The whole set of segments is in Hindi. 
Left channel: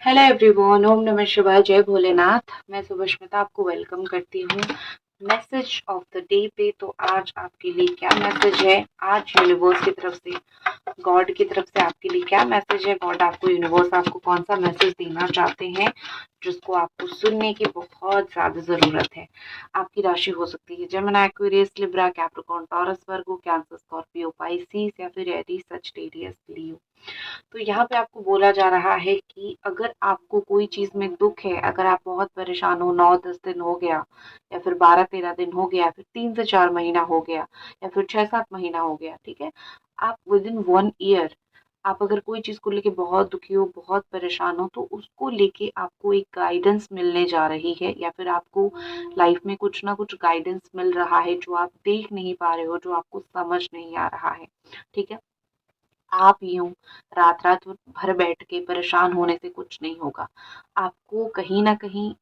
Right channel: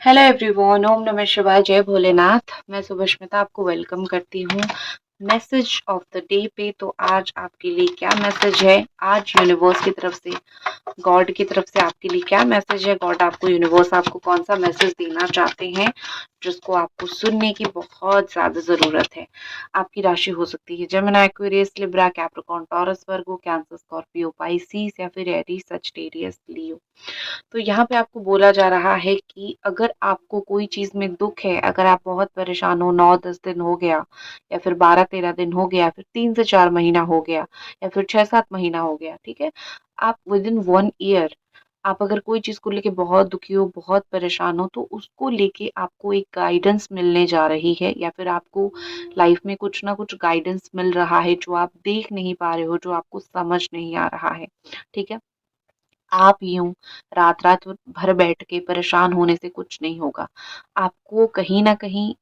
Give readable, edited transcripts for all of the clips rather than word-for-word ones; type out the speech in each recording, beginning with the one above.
हेलो एवरीवन, ओम नमः शिवाय, जय भोलेनाथ। मैं सुभष्मिता आपको वेलकम करती हूँ मैसेज ऑफ द डे पे। तो आज आपके लिए क्या मैसेज है? आज यूनिवर्स की तरफ से, गॉड की तरफ से आपके लिए क्या मैसेज है? गॉड आपको, यूनिवर्स आपको कौन सा मैसेज देना चाहते हैं जिसको आपको सुनने की बहुत ज्यादा जरूरत है? आपकी राशि हो सकती है Gemini, Aquarius, Libra, Capricorn, Taurus, Virgo, Cancer, Scorpio, Pisces या फिर एरीज, सजिटेरियस, लियो। तो यहाँ पे आपको बोला जा रहा है कि अगर आपको कोई चीज में दुख है, अगर आप बहुत परेशान हो, 9-10 दिन हो गया या फिर 12-13 दिन हो गया, फिर 3 से 4 महीना हो गया या फिर 6-7 महीना हो गया, ठीक है, आप विद इन 1 ईयर आप अगर कोई चीज को लेके बहुत दुखी हो, बहुत परेशान हो, तो उसको लेके आपको एक गाइडेंस मिलने जा रही है, या फिर आपको लाइफ में कुछ ना कुछ गाइडेंस मिल रहा है जो आप देख नहीं पा रहे हो, जो आपको समझ नहीं आ रहा है। ठीक है, आप यूं रात रात भर बैठ के परेशान होने से कुछ नहीं होगा। आपको कहीं ना कहीं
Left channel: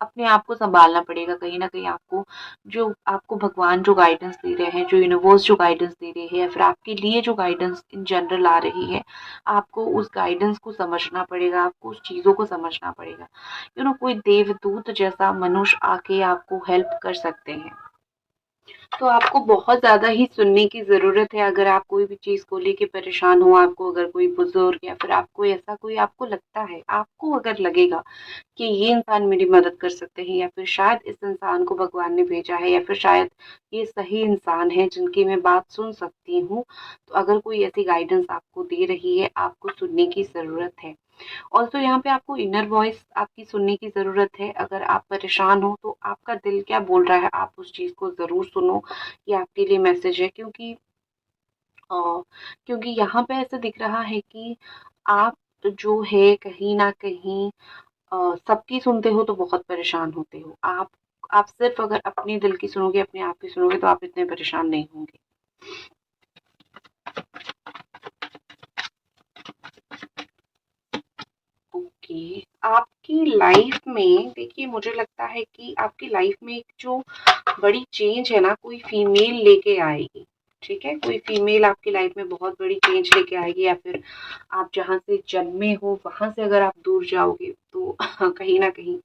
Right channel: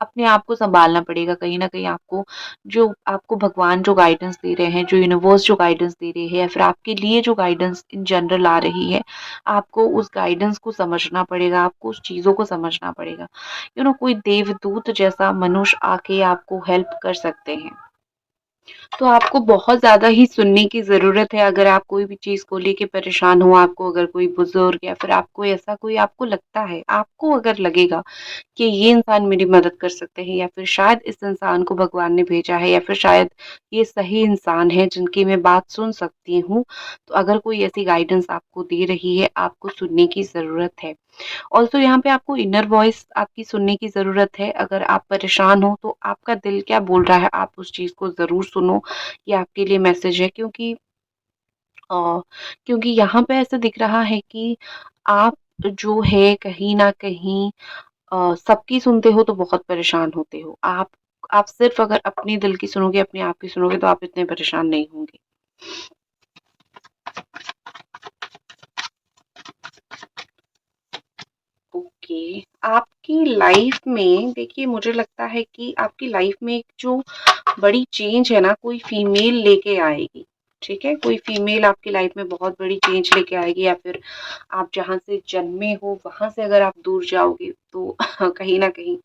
अपने आप को संभालना पड़ेगा। कहीं ना कहीं आपको, जो आपको भगवान जो गाइडेंस दे रहे हैं, जो यूनिवर्स जो गाइडेंस दे रही है, या फिर आपके लिए जो गाइडेंस इन जनरल आ रही है, आपको उस गाइडेंस को समझना पड़ेगा, आपको उस चीजों को समझना पड़ेगा। कोई देवदूत जैसा मनुष्य आके आपको हेल्प कर सकते हैं। तो आपको बहुत ज़्यादा ही सुनने की ज़रूरत है। अगर आप कोई भी चीज़ को लेके परेशान हो, आपको अगर कोई बुजुर्ग या फिर आपको ऐसा कोई आपको लगता है, आपको अगर लगेगा कि ये इंसान मेरी मदद कर सकते हैं, या फिर शायद इस इंसान को भगवान ने भेजा है, या फिर शायद ये सही इंसान है जिनकी मैं बात सुन सकती हूँ, तो अगर कोई ऐसी गाइडेंस आपको दे रही है, आपको सुनने की ज़रूरत है। ऑल्सो यहाँ पे आपको इनर वॉइस आपकी सुनने की ज़रूरत है। अगर आप परेशान हो तो आपका दिल क्या बोल रहा है, आप उस चीज़ को ज़रूर सुनो। ये आपके लिए मैसेज है, अ, क्योंकि यहाँ पे ऐसा दिख रहा है कि आप जो है कहीं न कहीं सबकी सुनते हो तो बहुत परेशान होते हो। आप सिर्फ़ अगर अपने दिल की सुनोगे, अपने आप की सुनोगे, तो आप इतने परेशान नहीं होंगे। ओके, आपकी लाइफ़ में देखिए, मुझे लगता है कि आपकी लाइफ़ में एक जो बड़ी चेंज है ना, कोई फीमेल लेके आएगी। ठीक है, कोई फीमेल आपकी लाइफ में बहुत बड़ी चेंज लेके आएगी, या फिर आप जहाँ से जन्मे हो वहां से अगर आप दूर जाओगे तो कहीं ना कहीं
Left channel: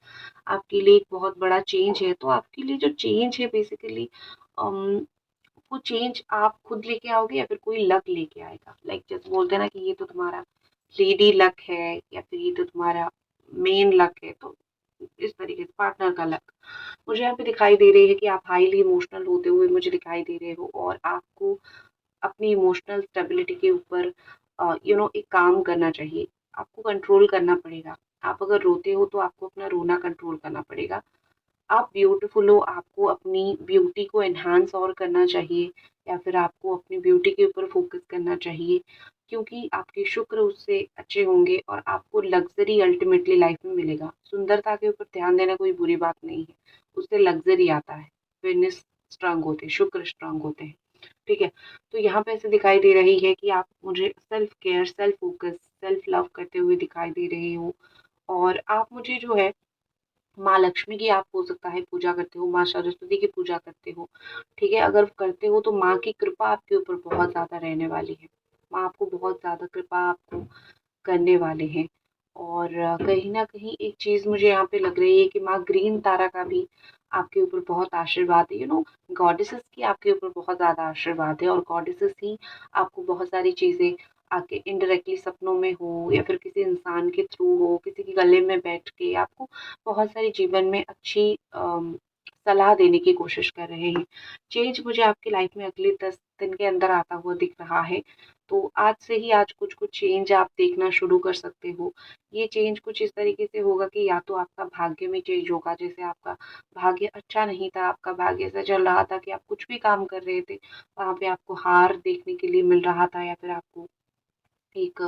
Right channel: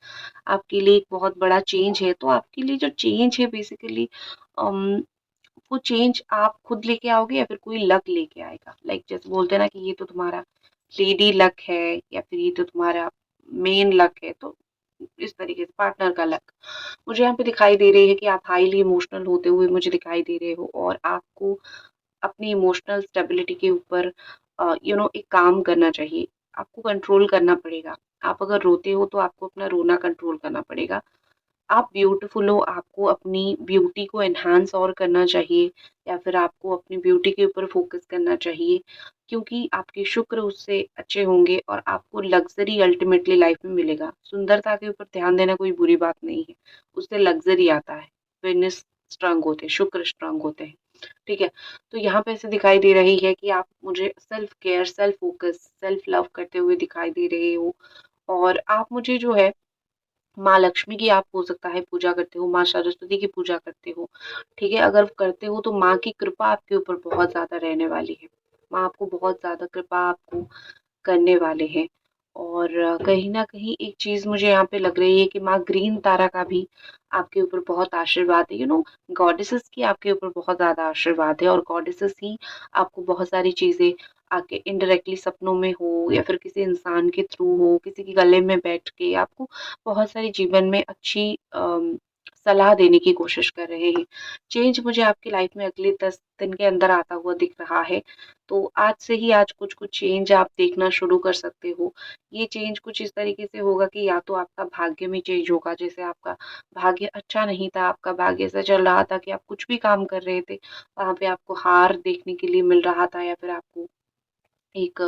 आपके लिए एक बहुत बड़ा चेंज है। तो आपके लिए जो चेंज है बेसिकली, वो चेंज आप खुद लेके आओगे या फिर कोई लक लेके आएगा। लाइक जैसे बोलते हैं ना कि ये तो तुम्हारा लेडी लक है, या फिर ये तो तुम्हारा मेन लक है। तो इस तरीके से पार्टनर का लक मुझे यहाँ पे दिखाई दे रही है कि आप हाईली इमोशनल होते हुए मुझे दिखाई दे रहे हो, और आपको अपनी इमोशनल स्टेबिलिटी के ऊपर एक काम करना चाहिए। आपको कंट्रोल करना पड़ेगा। आप अगर रोते हो तो आपको अपना रोना कंट्रोल करना पड़ेगा। आप ब्यूटीफुल हो, आपको अपनी ब्यूटी को एनहांस और करना चाहिए, या फिर आपको अपनी ब्यूटी के ऊपर फोकस करना चाहिए, क्योंकि आपके शुक्र उससे अच्छे होंगे और आपको लग्जरी अल्टीमेटली लाइफ में मिलेगा। सुंदरता के ऊपर ध्यान देना कोई बुरी बात नहीं है, उससे लग्जरी आता है। वेनिस स्ट्रांग होते हैं, शुक्र स्ट्रांग होते हैं। ठीक है, तो यहाँ पे ऐसे दिखाई दे रही है कि आप मुझे self care, self focus, self love करते हुए दिखाई दे रहे हो। और आप मुझे जो है, माँ लक्ष्मी की आप हो सकता है पूजा करते हो, माँ सरस्वती की पूजा करते हो। ठीक है, अगर करते हो तो माँ की कृपा आपके ऊपर बहुत ज़्यादा रहने वाली है। माँ आपको बहुत ज़्यादा कृपा आपको करने वाले हैं। और कहीं न कहीं एक चीज़ मुझे यहाँ पे लग रही है कि माँ ग्रीन तारा का भी आपके ऊपर बहुत आशीर्वाद है। गॉडेसेस की आपके ऊपर बहुत ज़्यादा आशीर्वाद है, और गॉडेसेस ही आपको बहुत सारी चीज़ें आके इनडायरेक्टली सपनों में हो, या फिर किसी इंसान के थ्रू हो, किसी के गले में बैठ के आपको बहुत सारी जीवन में अच्छी सलाह देने की कोशिश कर रहे हैं। चेंज मुझे आपकी लाइफ में अगले 10 दिन के अंदर आता हुआ दिख रहा है। तो आज से ही, आज कुछ-कुछ चेंज आप देखना शुरू कर सकते हो। ये चेंज कुछ इस तरीके से होगा कि या तो आपका भाग्य में चेंज होगा, जैसे आपका भाग्य अच्छा नहीं था, आपका भाग्य ऐसा चल रहा था कि आप कुछ भी काम कर रहे थे, वहाँ पे आपको हार देखने के लिए मिल रहा था, या फिर एक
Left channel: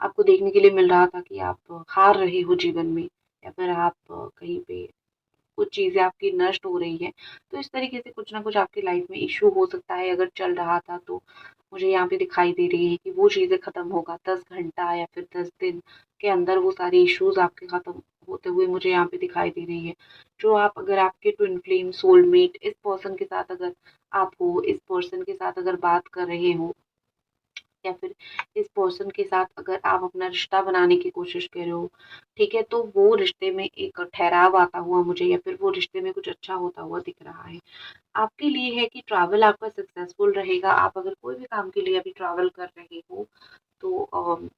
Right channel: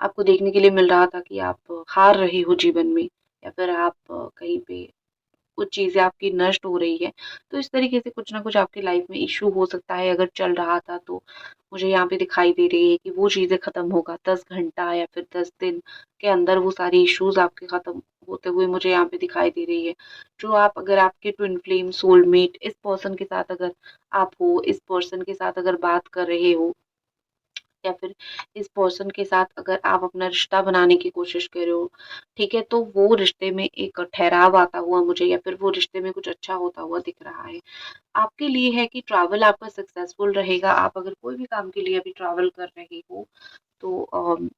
आपको देखने के लिए मिल रहा था कि आप हार रहे हो जीवन में, या फिर आप कहीं पे कुछ चीज़ें आपकी नष्ट हो रही है। तो इस तरीके से कुछ ना कुछ आपकी लाइफ में इश्यू हो सकता है, अगर चल रहा था तो मुझे यहाँ पे दिखाई दे रही है कि वो चीज़ें खत्म होगा 10 घंटा या फिर 10 दिन के अंदर, वो सारे इश्यूज़ आपके खत्म होते हुए मुझे यहाँ पे दिखाई दे रही है। जो आप, अगर आपके ट्विन फ्लेम, सोलमेट, इस पर्सन के साथ अगर आप हो, इस पर्सन के साथ अगर बात कर रहे हो, या फिर इस पर्सन के साथ अगर आप अपना रिश्ता बनाने की कोशिश कर रहे हो, ठीक है, तो वो रिश्ते में एक ठहराव आता हुआ मुझे, या फिर वो रिश्ते में कुछ अच्छा होता हुआ दिख रहा है। आपके लिए है कि ट्रैवल आपका सक्सेसफुल रहेगा। आप अगर कोई भी काम के लिए अभी ट्रैवल कर रहे हो तो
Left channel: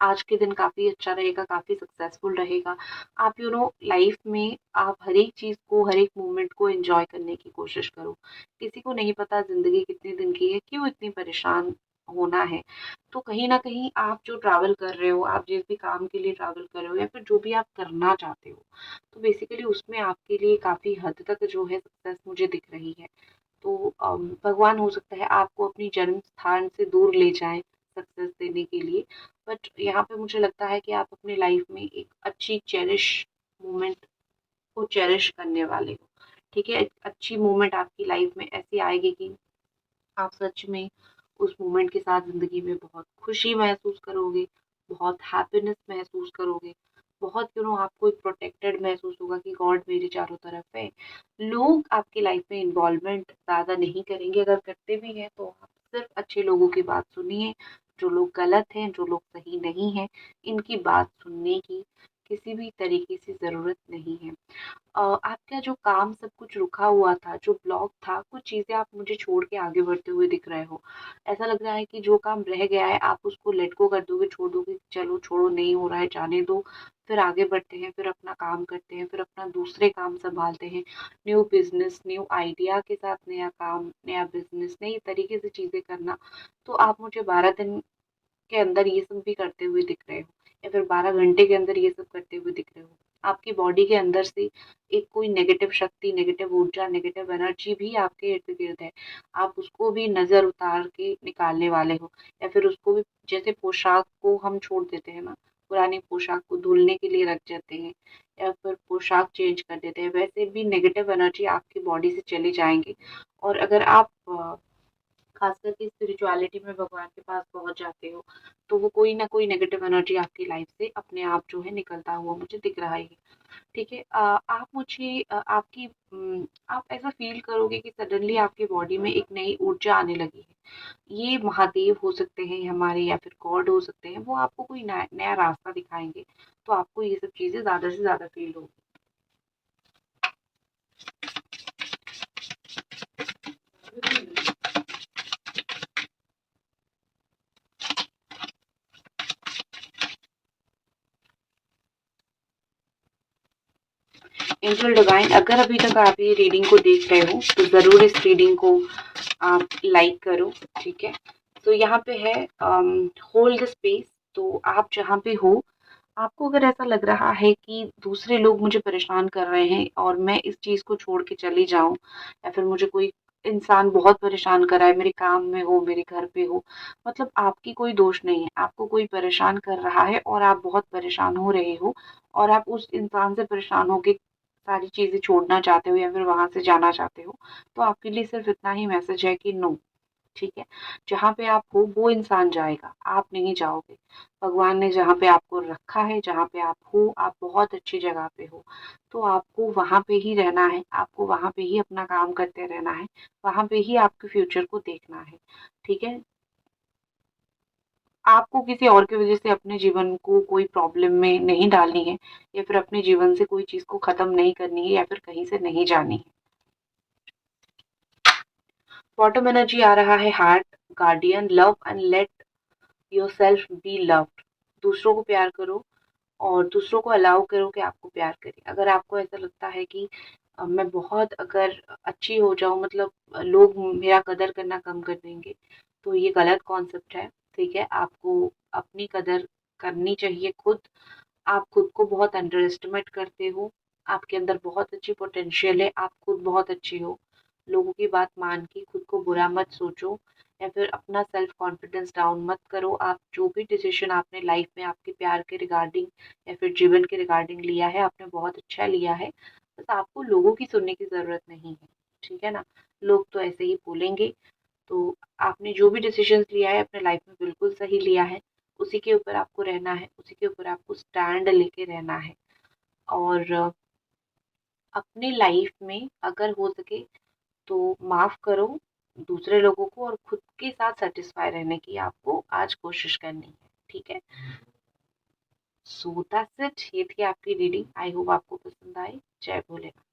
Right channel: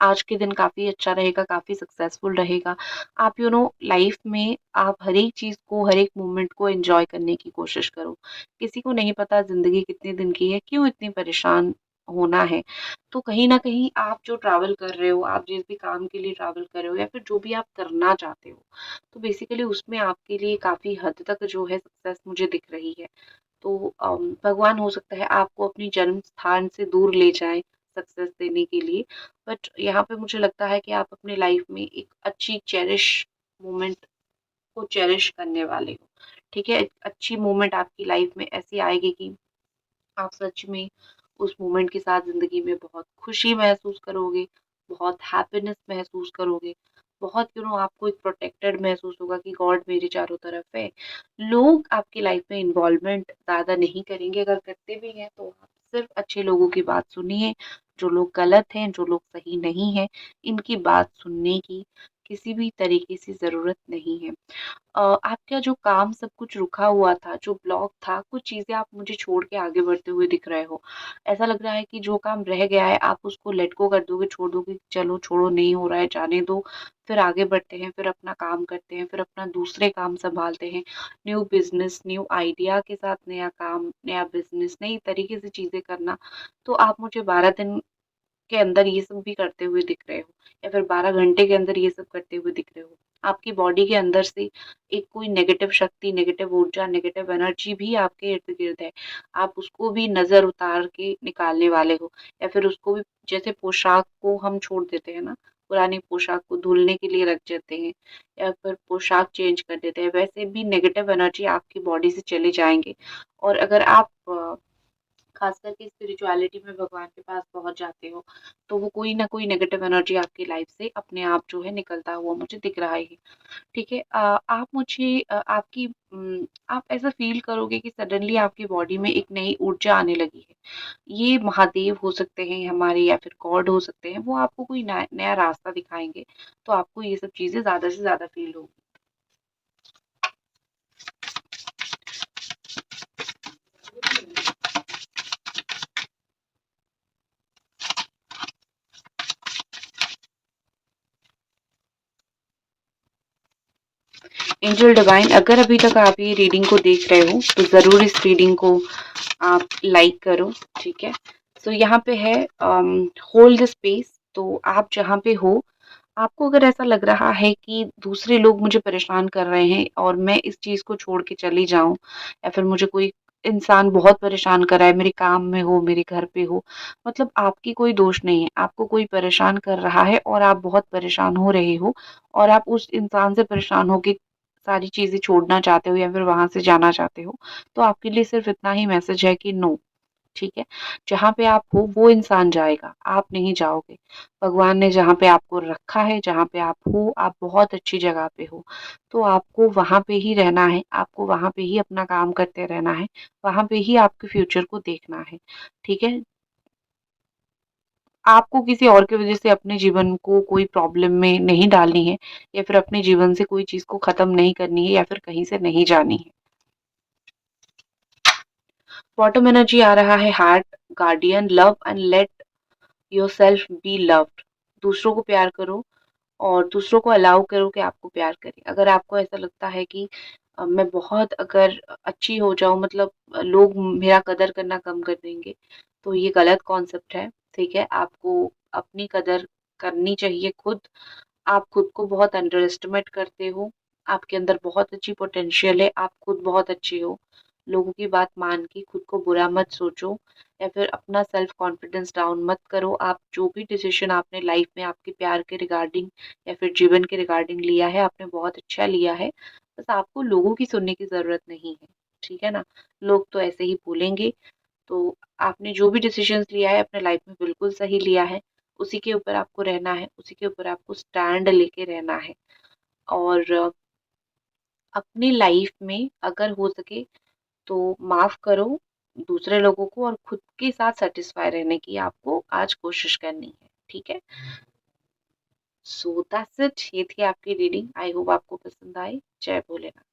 आज के दिन काफ़ी अच्छा रहेगा, काफ़ी सक्सेसफुल रहेगा। आप लाइफ में आप हर एक चीज़ को, हर एक मोमेंट को एन्जॉय करने की कोशिश करो। किसी को नहीं पता ज़िंदगी कितने दिन की है, क्यों इतनी परेशान होना है। तो कहीं न कहीं आप जो ट्रैवल कर रहे हो, आप जिस भी काम के लिए ट्रैवल कर रहे हो, या फिर जो भी आप करना चाहते हो, तो बेसिकली उसमें आपके लिए काफ़ी हद तक जो है सक्सेस मुझे दिख रही है। तो भगवान हो सकता है आपको अपनी जन्म स्थान से दूर ले जाएँ सक्सेस देने के लिए। बट यहाँ पे मुझे लगता है कि आप अपनी लाइफ में एक अच्छी चेरिश मोमेंट को चेरिश करने वाले हो। ठीक है? एक अच्छी मोमेंट आपकी लाइफ में ऐसी आएगी कि आप सच में उस मोमेंट के साथ ज़िंदगी में बहुत खुशी महसूस करोगे, बहुत हैप्पीनेस महसूस करोगे, बहुत आपको एक प्रोटेक्टेड महसूस होगा कि गॉड मेरे चारों तरफ है। लोग आपकी लाइफ में इन्वॉल्वमेंट ज़्यादा नहीं करेंगे, अगर करते भी हैं तो आप सिर्फ अच्छे लोगों की बात सुनिए। जो लोग गलत हैं, जो लोग सही नहीं हैं, इनकी बात सुनने की किसी भी तरीके से ज़रूरत नहीं है। आपका जो काम सब कुछ रुका हुआ था, जो ब्लॉक था, कुछ चीज़ें आप मुझे छोड़ के आगे बढ़ते हुए दिख रहे हो। ऐसा लग रहा है कि जो काम रह गया है आप उसको लेट गो कर दोगे, छोड़ दोगे, चलो छोड़ो नहीं हो रहा है जाने दो, फिर आगे बढ़ते हैं, फिर अपना काम करते हैं, फिर अपना दूसरे काम सँभालते हैं। न्यू बिज़नेस, न्यू आइडिया के साथ नया काम, नया बिज़नेस, नई तरीके से चीज़ें करना। तो आप मुझे 12 दिन के अंदर ये सब भी करते हुए दिख रहे हो, या फिर 12 घंटे के अंदर ये सब करते हुए दिख रहे हो। आपकी बॉडी के अंदर से एक कोई नेगेटिव शक्ति, नेगेटिव ऊर्जा, नेगेटिव एनर्जी भी आपके इर्द-गिर्द है। आप उसको भी नज़र उतार के निकालने वाले हो, या फिर उसको भी, जैसे पोशाक को हम छोड़ देते हैं ना, पुरानी पोशाक को धुलने के लिए रख देते हैं या फिर पोशाक चेंज कर देते हैं, वैसे भी नेगेटिव एनर्जी आपकी बॉडी से चले जाएँगे। और अगर आप खास करके स्पिरिचुअलिटी में भगवान के पास पहुँच जाते हो, तो वो कोई ना कोई नेगेटिव एनर्जी आपकी लाइफ से अपने आप जो है निकलता हुआ मुझे दिख रहा है। ठीक है? आप मुझे आप ऐसा फ़ील करोगे कि सडनली आपकी बॉडी में एक नई ऊर्जा आने लगी है। ये महादेव हो सकते हैं हमारे, या फिर गॉड हो सकते हैं, वो आपको कोई नया नया रास्ता दिखाएँगे, तो आपको ये सब चीज़ें ज़्यादा से ज़्यादा फ़ील होगी। एंजल डिवाइन, अगर अभी तक आप ये रीडिंग को देख रहे हो तो ज़रूर इस रीडिंग को आप लाइक करो। ठीक है? सो यहाँ पे है होल्ड द स्पेस। तो आप जहाँ पे हो, आपको अगर ऐसा लग रहा है कि दूसरे लोग मुझे परेशान कर रहे हैं और मैं इस चीज़ को छोड़ के चली जाऊँ, या फिर मुझे कोई इंसान बहुत परेशान कर रहा है, मेरे काम में हो, मेरे घर पे हो, मतलब आपकी कोई दोष नहीं है, आपको कोई परेशान कर रहा है और आप बहुत परेशान हो रहे हो, और आप उस इंसान से परेशान होके सारी चीज़ें छोड़ना चाहते हो या फिर वहाँ से जाना चाहते हो, तो आपके लिए सिर्फ़ इतना ही मैसेज है कि नो। ठीक है? जहाँ पे आप हो वो इंसान जाएगा, आप नहीं जाओगे। भगवान ने जहाँ पे आपको रखा है, जहाँ पे आप हो, आप बहुत अच्छी जगह पे हो। तो आपको वहाँ पे ही रहना है, आपको वहाँ पे ही अपना काम करते रहना है, वहाँ पे ही आपके फ्यूचर को देखना है। ठीक है? आपको किसी और की वज़ह से अपने जीवन को कोई प्रॉब्लम में नहीं डालनी है, या फिर अपने जीवन से कोई चीज़ को ख़त्म नहीं करनी है, या फिर कहीं से नहीं जानी है। बॉटम एनर्जी आ रहा है heart, guardian, love and let yourself be loved. दूसरों को प्यार करो और दूसरों को अलाउ करो कि आपको प्यार करें। अगर आपको ऐसा लगता है कि मैं बहुत अगर अच्छी हो जाऊँ, मतलब लोग मेरा कदर करना कम कर देंगे, तो ये गलत कॉन्सेप्ट है। ठीक है? आपको अपनी कदर करनी चाहिए खुद। आप खुद को बहुत अंडर एस्टिमेट करते हो। आपके अंदर बहुत अच्छी पोटेंशियल है, आप खुद बहुत अच्छे हो। लोगों की बात मान के खुद को बुरा मत सोचो, या फिर अपना सेल्फ कॉन्फिडेंस डाउन मत करो। आप जो भी डिसीज़न आपने लाइफ में आपके प्यार के रिगार्डिंग या फिर जीवन के रिगार्डिंग लिया है, आपने बहुत अच्छा लिया है। बस आपको लोगों की सुनने की ज़रूरत नहीं है। ठीक है ना? लोग तो ऐसे ही बोलेंगे। तो आपने जो भी डिसीजंस लिया है अपने लाइफ में बिल्कुल सही लिया है। उसी के ऊपर आपको रहना है, उसी के ऊपर आपको स्टैंड लेके रहना है। और अपनी लाइफ में अगर हो सके तो माफ़ करो, दूसरे लोगों को और खुद के साथ सेटिस्फाई रहने की आपको आज कोशिश करनी है, ठीक है। सो दैट्स इट, ये थी आपकी रीडिंग। आई होप आपको पसंद आई। जय भोलेनाथ।